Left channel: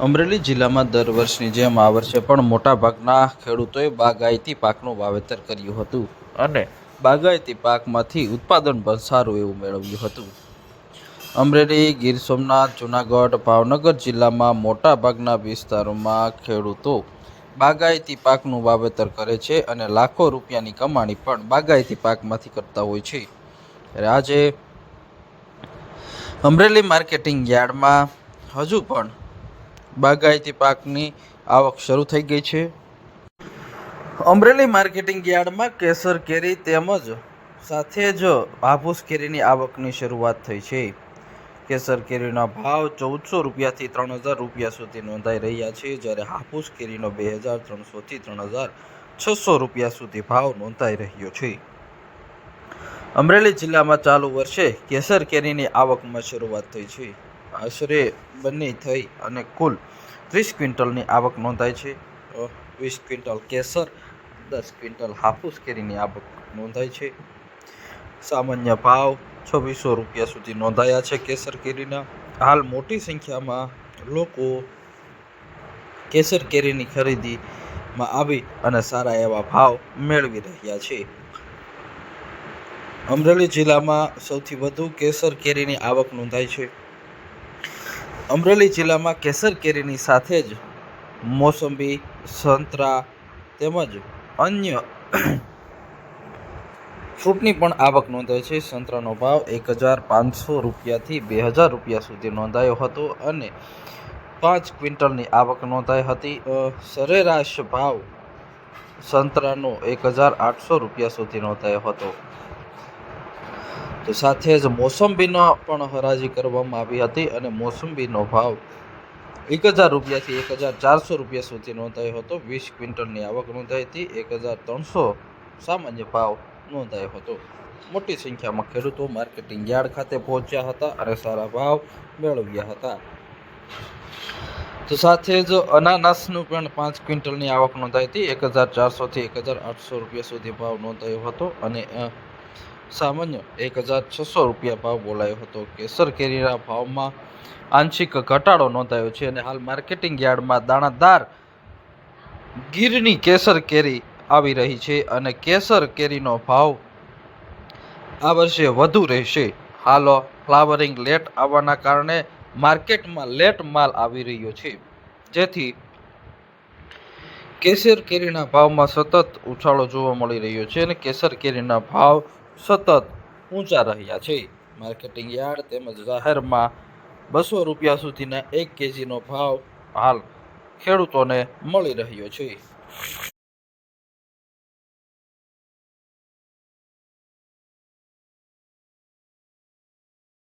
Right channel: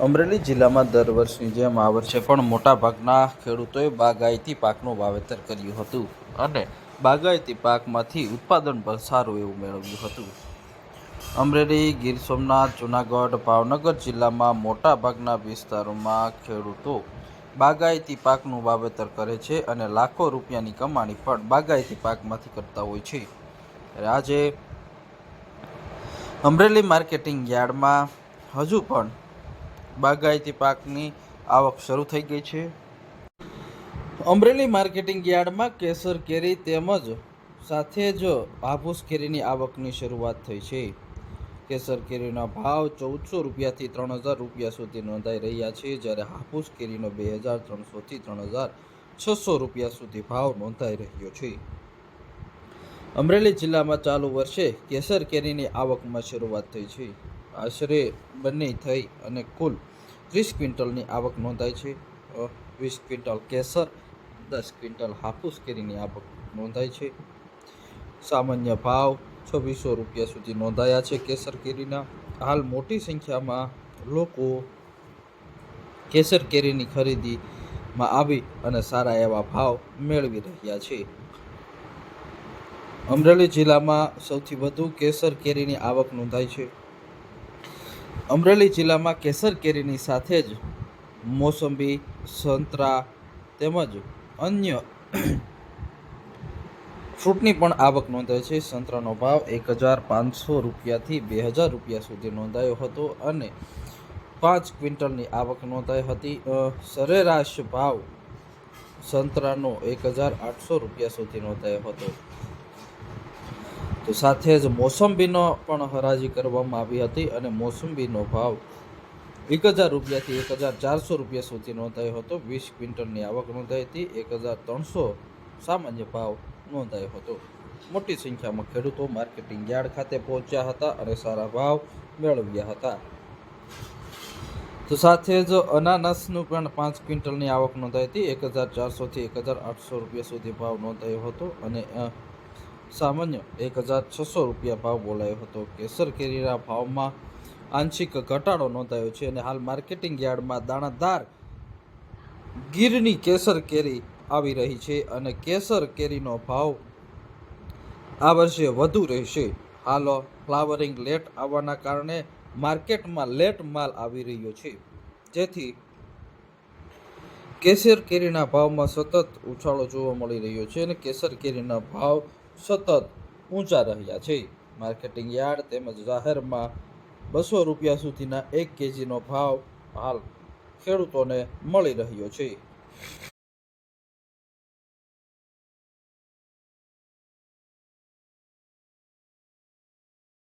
અમરેલી જિલ્લામાં દર વર્ષની જેમ આ વર્ષે પણ મોટાભાગના ખેડૂતોએ બાગાયતી પાકનું વાવેતર કર્યું હતું અને બાગાયતી પાકમાંથી ઉત્પાદન પણ સારું એવું મેળવ્યું હતું. અમરેલી, ગીર સોમનાથ, જૂનાગઢ, ભાવનગર જિલ્લામાં મોટાભાગના વિસ્તારોમાં ખેડૂતો બાગાયતી પાકનું વાવેતર કરે છે અને લાખો રૂપિયાની કમાણી પણ બાગાયતી પાકમાંથી કરતા હોય છે. આજે અમરેલી માર્કેટિંગ યાર્ડમાં હજુ પણ બાગાયતી પાકની આવક શરૂ થઈ ગઈ છે. અમરેલી માર્કેટિંગ યાર્ડમાં કેસર કેરી તેમજ સાથે જ હાફૂસ કેરીની આવકની શરૂઆત થઈ છે. કેસર કેરીનો ભાવ 1400 રૂપિયાથી 3000 રૂપિયા સુધી નોંધાઈ રહ્યા છે, જ્યારે હાફૂસ કેરીનો 2300થી 3600 રૂપિયા સુધી ભાવ નોંધાઈ રહ્યો છે. અમરેલી જિલ્લામાં ચાલુ વર્ષે કેસર કેરીની આવકમાં શરૂઆત થઈ છે. આશરે બની થઈ અને કુલ 30 ક્વિન્ટલની આવક નોંધાઈ છે. 20 ક્વિન્ટલ કેસર, 10 ક્વિન્ટલ હાફૂસ કેરીની આવક નોંધાઈ છે. સામાન્ય ભાવ 2600 રૂપિયા સુધી નોંધાયા છે કેસર કેરીના. હાલ મોટી સંખ્યામાં લોકો કેસર કેરીની ખરીદીમાં આવી અને સારા એવા ભાવ મેળવી રહ્યા છે. અમરેલી જિલ્લામાં સૌથી વધુ કેસર કેરીની આવક નોંધાઈ છે. અમરેલી જિલ્લામાં કેસર કેરીની સાથે જ મોસંબી, સંતરા તેમજ અન્ય ફ્રૂટની પણ આવક નોંધાઈ છે. સંતરાનો ભાવ 1500 રૂપિયાથી 2000 રૂપિયા સુધી નોંધાયો હતો અને 5 ક્વિન્ટલની આવક નોંધાઈ હતી. સરેરાશ ભાવ સંતરાનો 1800 રૂપિયા સુધી નોંધાયો હતો. તો સાથે જ મોસંબીનો પણ હરાજી કરવામાં આવી હતી અને મોસંબીનો ભાવ 1000 રૂપિયાથી 1400 રૂપિયા સુધી નોંધાયો હતો. 20 ક્વિન્ટલની આવક નોંધાઈ હતી. 1300 સામાન્ય ભાવ નોંધાયો હતો. મોટી સંખ્યામાં ખેડૂતો માર્કેટિંગ યાર્ડ ખાતે પહોંચ્યા હતા અને સારા ભાવ મેળવ્યા હતા. તો સાથે જ અનાનસનું પણ 5 ક્વિન્ટલની આવક નોંધાઈ હતી. 1400થી 1800 રૂપિયા સુધી ભાવ નોંધાયો હતો અને સામાન્ય 1600 રૂપિયા ભાવ બોલાયો હતો. કેસર કેરીના ભાવમાં આંશિક ઘટાડો નોંધાયો છે અને હાલ માર્કેટિંગ યાર્ડમાં દાણાદાર ગીરની કેસર કેરી આવી રહી છે અને કેસર કેરીનો ભાવ આ વર્ષે વધુ રહેશે. હાલ ફ્લાવરિંગ લેટ આવવાના કારણે માર્કેટમાં લેટ માલ આવી રહ્યો છે, જેથી કેસર કેરીના ભાવમાં સતત ઉછાળો જોવા મળી રહ્યો છે અને કેસર કેરીના ભાવ સતત ઊંચા રહ્યા છે. માર્કેટિંગ યાર્ડ તેમજ જાહેરમાં 200 રૂપિયા સુધીના 1 કેજીનો ભાવ હાલ ખેડૂતોને મળી રહ્યો છે.